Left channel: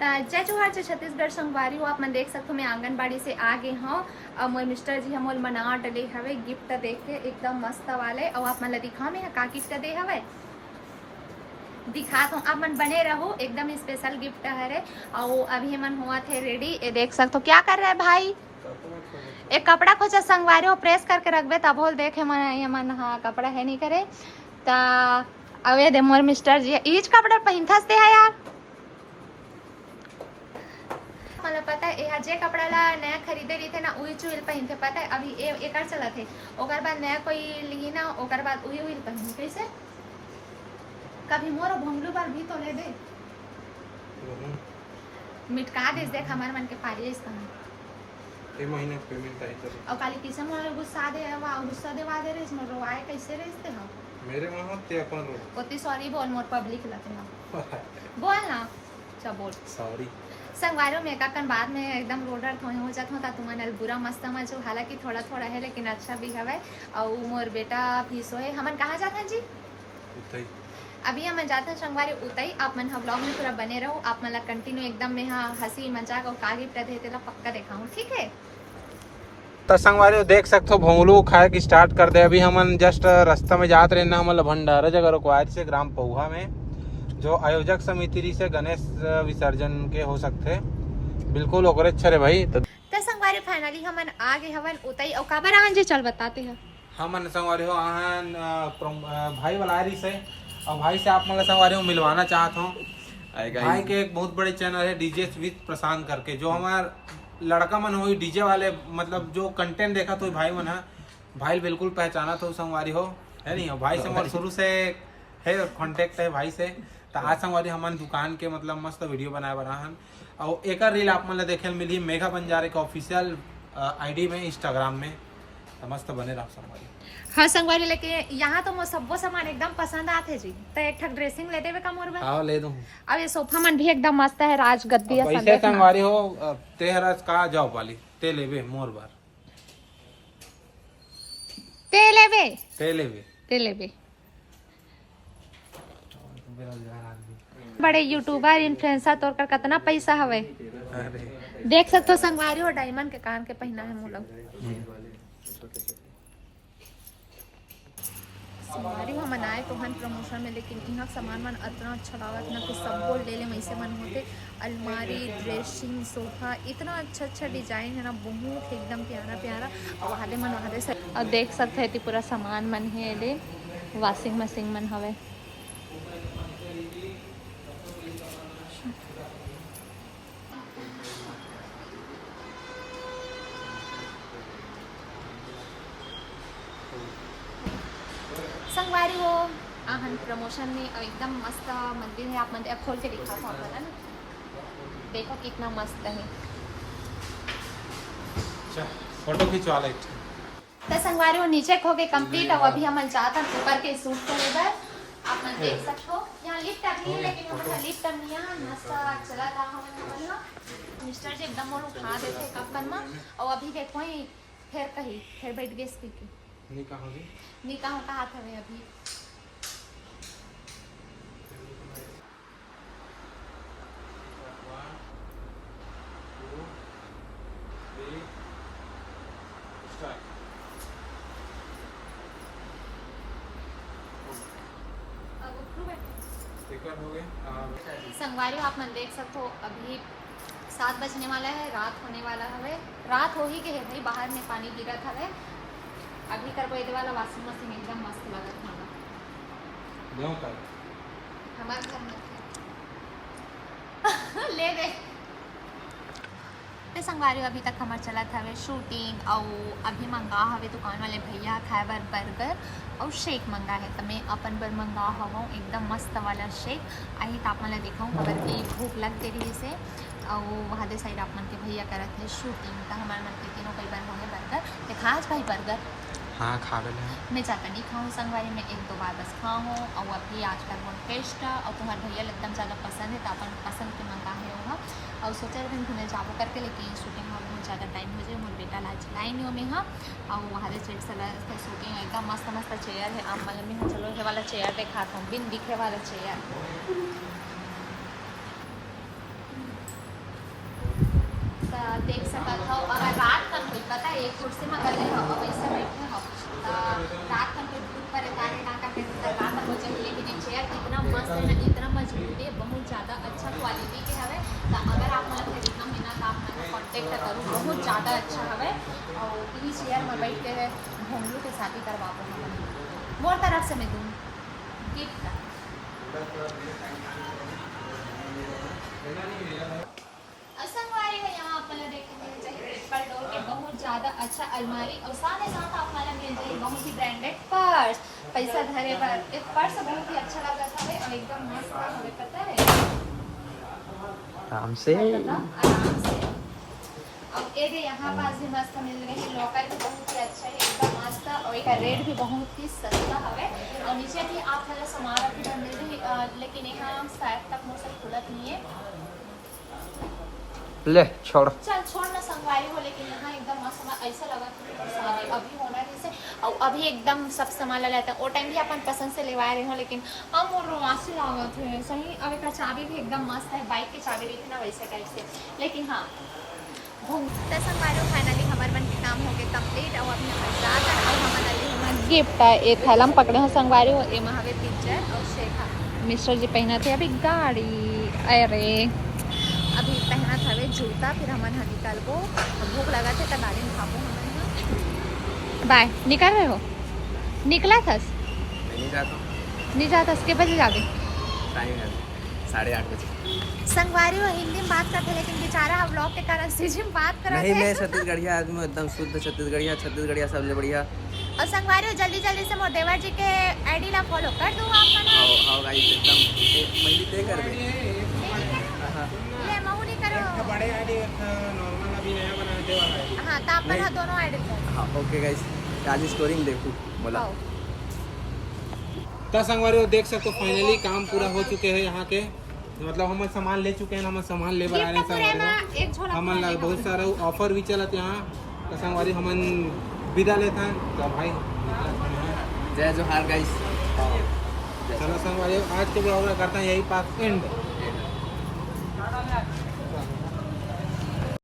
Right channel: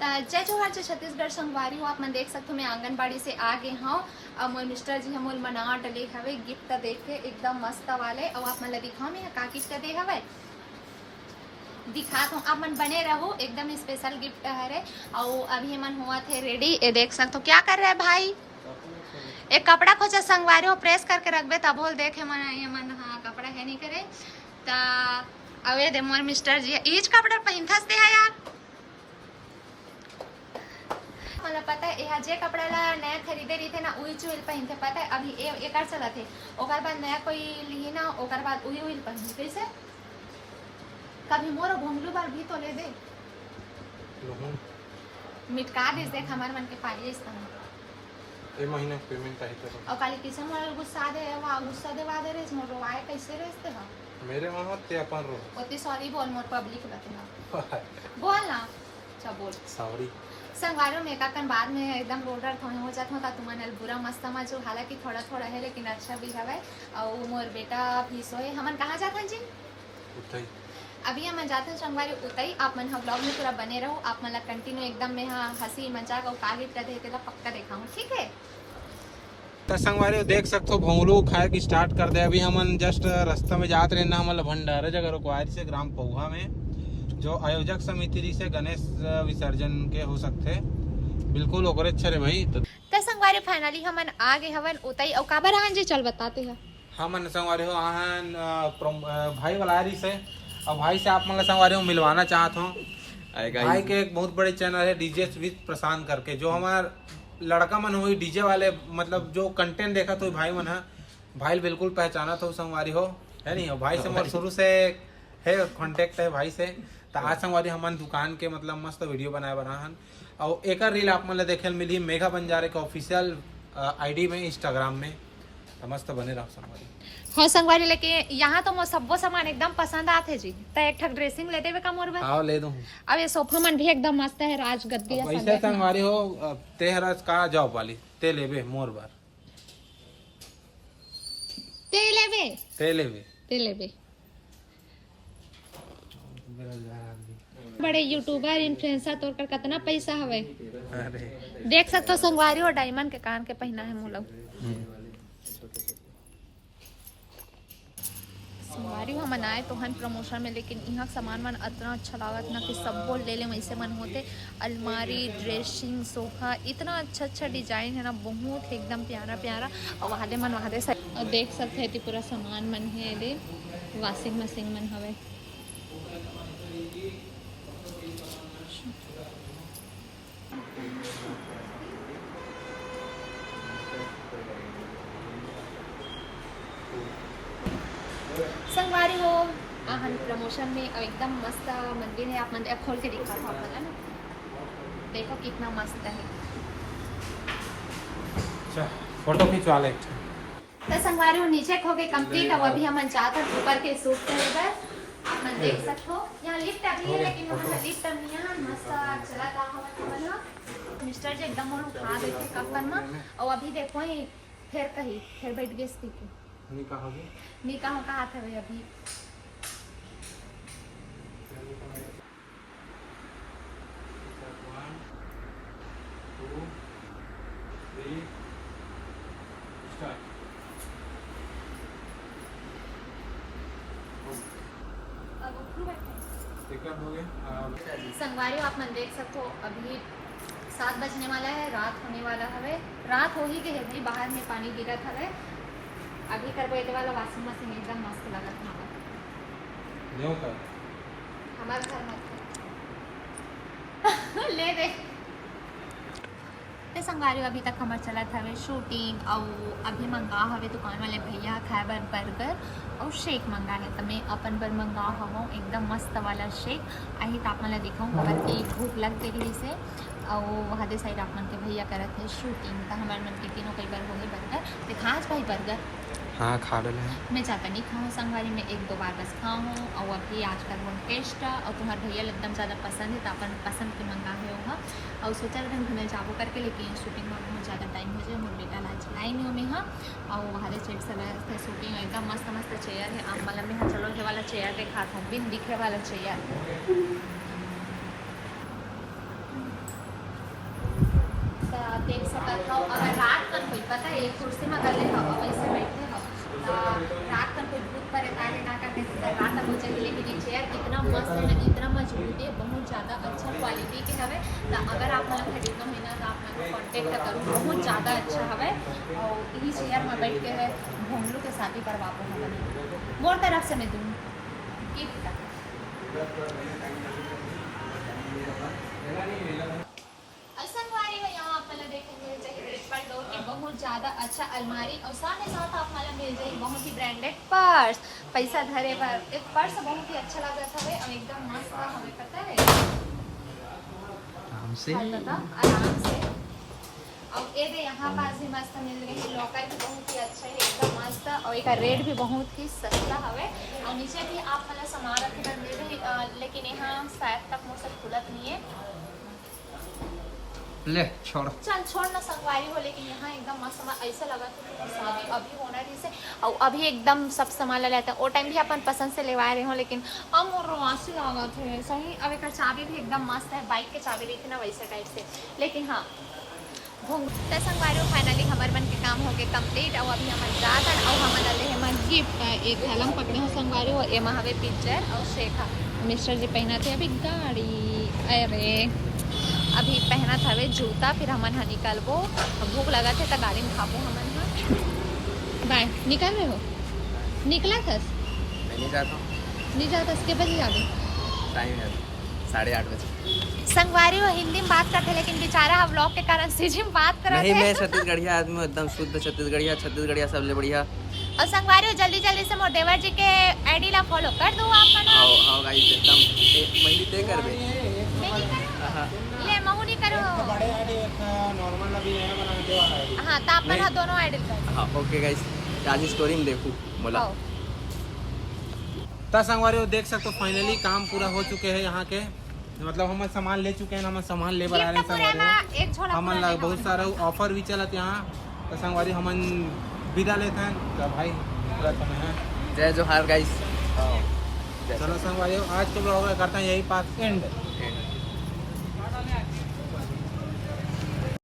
जय जोहार जय छत्तीसगढ़ संगवारी हो। आप मन देख सकते हो मैं आंगनबाड़ी से आ गए हूँ और मोर मिस्टर जी हम मना डले हवे गिफ्ट देख के एकदम मस्त वाले और आप मन ला दिखाओ मैं का गिफ्ट दे हवे दिखात हूँ। आप मन बने रहो एकदम स्पेशल गिफ्ट है। और अभी मन हुआ थे रेडी। ये देख सकते हो क्या कर रहे हैं भाई, एक कपड़ा खोजा संगवारी हो प्रेस करके रखबे तब बोल देखे मन हाँ कपड़ा है नहीं करे ता अवे दे मोर मिस्टर जी इच कपड़ा पहनथस दे है यार। मतलब पता है यहाँ जे कपड़ा ला नया खरीदे रही थे ना वही चुल पहनते पता है अभी एक चला थे ओकर बाद नया कोई ली ना ओकर बाद वही उल पहन कैसे कभी मोर भोंगलू बार भी तो ले दे मिटका दे देख हमारे मन के पागे इस तरह ए महीने पेमेंट आई कर और काली किसे मोर गुस्सा दे वा गुस्सा दे वा दे रे मोर रोवाए कैसे रेसते हो मेरे वहां ते अपन रो ओती सॉरी बोल मोर पब्लिक लतना बोल ना अच्छा बोल सॉरी संगवारों में काकन बाद में एकदम रोडर थोड़े हो जात होता तुम्हारे बुरा मस्त समझो हालांकि थोड़ा थोड़ा है लेकिन अच्छा भी हवे। और मोर बेटा भी सोए हमन कहाँ जाते जी उतई अभी हम जाते हैं संगवारी उतई। आप मन हम ब्लॉग में पूरा बने रहो आप मन कंटिन्यू एकदम में हाँ हंसी मजाक और का गिफ्ट दे तेला पक्का दिखाऊं ठीक है। तो संगवारी देख सकते हो भोंगलू खाए की स्टार्ट कर दे। अभी हमन जस्ट रास्ता में जात रहे ना हमन भंडारा जगह रुकवाए से ग्राम पौहा में जो आयोजक समिति से गणेश विसर्जन के हो सकते बिल्कुल ओकरे अच्छा रे भाई। तो संगवारी फाइनली हमन आ गए हवन उतई और काबर आहन जी चल बताते हो हमन संगवारी हो आहन भाई वालारी से और भाई से आप मन संगवारी हो मिलवाना चाहत हूँ। भाई के एक बहुत बड़े चैनल है डीजे विद प्रशांत करके जो हमार लड़का मन हुई डीजे वाले मतलब जो कंटेंट देखा तो भाई मन है भाई बिल्कुल पहचाना तो संगवारी हो है नहीं हो भाई से मोर शुरू से है कांटेक्ट है भाई से। तो आज संगवारी हमारे दुकान के मतलब मस्त वीडियो बनाए बनाहन और एक रील आप मन देखे मिली मेघा बंजारे के ऑफिशियल आईडी में इंस्टाग्राम में तो मस्त बने रहा संगवारी। हाँ संगवारी लेके यहाँ तो मोर सबो सामान एकदम पसंद आते जी तो एक ठक ड्रेसिंग ले देवे का मोर बा हाँ ले दूँ। अब ये सोफा मन भी एकदम मस्त है राज गद्दी है पैसे संगवारी हो तेहरस का जॉब वाली ते लेवे मोर बार ते लेवे ते लेवे ते लेवे बड़े यूट्यूबर इन्फ्लुएंसर तोड़ कर कितना पैसा हवे अरे देख सकते हो संगवारी और डायमंड के कान के पहना है मोला संगवारी हम आए तो हन प्रमोशन में लेकिन यहाँ सामान मन इतना अच्छा लागत ना कि सब बोल ले वैसे मन होते अलमारी ड्रेसिंग सोफा इतना अच्छा अच्छा डिजाइन है ना बहुत एकदम प्यारा प्यारा और वाले मन वाले और देख सकते हैं पूरा सामान मन है ये वॉशिंग मशीन मन हवे संगवारी हो आहन प्रमोशन में और एकदम मस्त मंदिर है। आप मंदिर खोल के दिखा था आप ना देखो कितना मस्त है। फोटो खिंचवा ले तो संगवारी हो नीचे खो के कंप्लीट अब अभी हम चाहते हैं ऊपर के सूट के लेकर आप मन देख सकते हो यहाँ लिफ्ट अभी है लेकिन वहाँ लिफ्ट नहीं है मस्त चला था हमारा मिस्टर जी एकदम और उठा देते कपन में और अभी देखो ही फिर बैठ गए स्पीकर निकाह का हाथ है अभी संगवारी आप मन देख सकते हो अभी 7 बजने वाला है रात होने वाला है रात हो ही के है बाहर में पानी गिरा था अभी कर ये वाला वॉशिंग मशीन एकदम मस्त लगा था हमारा ले दे संगवारी अभी तक हमार चला था शूटिंग और अभी मंगा हवे दुकान वाले भैया खाए बर बर्गर और शेक मंगा है तो मैं अपन बर मंगा हूँ एकदम मस्त वाला शेक आई तो आप मन दिखाऊँ खबर की भूख लग गई से और वहाँ दे साइड आप मन के भैया करत है शूटिंग तो हमारे मन के तीनों कई बार हो गए बर्गर देखा आज भाई बर्गर हाँ खा ले मैं ज़्यादा नहीं खाऊँ संगवारी में 1-2 बार बस खाऊँ और अभी आजकल वो टेस्ट और तुम्हारे भैया एकदम ज़्यादा पसंद है तो अपन पसंद के मंगा है वहाँ और सोचा रहे घूमने जाबो करके लेकिन शूटिंग में बहुत ज़्यादा टाइम हो जाए मोर बेटा ला चलाई नहीं हो में हाँ और वहाँ सेट सला शूटिंग एकदम मस्त मस्त चेयर है और बगल में हाँ चलो ये वाला चेयर देखा था बिन दिखे वाला चेयर देख सकत हो। अगर रात का कोई पता है एक कुर्सी में गले हो और वैसे बैठे हो रात का कोई भूत पर तारे ना काटे रात को चाहिए, लेकिन ये चेयर इतना मस्त है ना, इतना मजबूत है, बहुत ज़्यादा अच्छा क्वालिटी के हवे। तो अगर आप मन खरीदना है ना तो आप मन कॉन्टेक्ट करूँ, बहुत ज़्यादा अच्छा हवे। और यही चेयर में बैठ के घोंगलू के शादी करवा पाओ मोर तरफ से मैं दूँ गिफ्ट। संगवारी में यहाँ आपल्याला देखेंगे पर डोर के बहुत ज़्यादा अच्छा अलमारी और साथ ही साथ आपल्याला मिलते हैं बहुत ही ब्रांडेड पर्स। पैसा धरे पर एक पर्स बहुत ही अच्छा लगा था और एकदम मस्त था, हमें पता है आराम से आराम से। और ये जो यहाँ पास भी मस्त मिल रही है, लॉकर भी बहुत ही अच्छा है, एकदम मस्त और एक रेट भी बहुत ही सस्ता हवे। और नीचे भी आप मतलब सामान रखी मिल रही, लेकिन यहाँ शायद तक मुझसे खुलत नहीं है। ले छोड़ चल छोड़ ना संगवारी हो, लेकिन यहाँ एकदम मस्त ऐसा लगा कि अभी होना से और अभी एकदम सब सामान लगा था। वो टाइम भी अपन पसंद से लेवाए रहे हो, लेकिन हम और रोआसी लगा थे सही। अब एक चाबी भी एकदम मस्त है, बाइक के चाबी रही थी ना वैसे टाइप से। लेकिन हाँ संगवारी फाइनली हमारे मन के काम हो गए कंप्लीट और अभी हम जाता और हम हमारे गिफ्ट एक थैला में पकड़े हो संगवारी हो एमा हवे पिक्चर और शेखा मिस्टर जी पहना थे अभी गाड़ी। अरे अभी पहना था वे जूता, फिर हमन हा निकलबो, भूख लगा थे तो गाड़ी में खाबो हमन हा। बाय निकल रहे हो? निकला था? नहीं जाता हूँ। नहीं जाता के बजे जागे? टाइम है 8:30 बजे। संगवारी वो हिंदी में बात करते, लेकिन बेचारा हम व्लॉग के कारण सीधी में बात कर रहे नहीं, मैं छत्तीसगढ़िया आदमी हूँ, एकदम शुद्ध छत्तीसगढ़िया सबसे बढ़िया। और संगवारी जल्दी जल्दी से मोर देवर जी के आईडी ला फॉलो कर दो आपका ना। आओ गाइस एकदम पहले दे करबे। हां ले महू नहीं करो। बड़े आईडी नॉर्मल अभी नया बनाने वाला है। हां तो अपन हां दोनों आईडी कर। हां ओके गाइस आज स्टोरी में देखो बोला। तो संगवारी देख सकते हो फाइनली काम पूरा हो चुके हैं यहाँ के, मतलब हम सामान ले चुके हैं, हम सामान ले बना रहे हैं संगवारी। हमन बहुत सारा ऑफर भी चलत यहाँ। तो संगवारी हमन विदा लेते हैं तो भाई जय जोहार गाइस। चलो संगवारी आज के ब्लॉग में करते हैं यही पास एंड।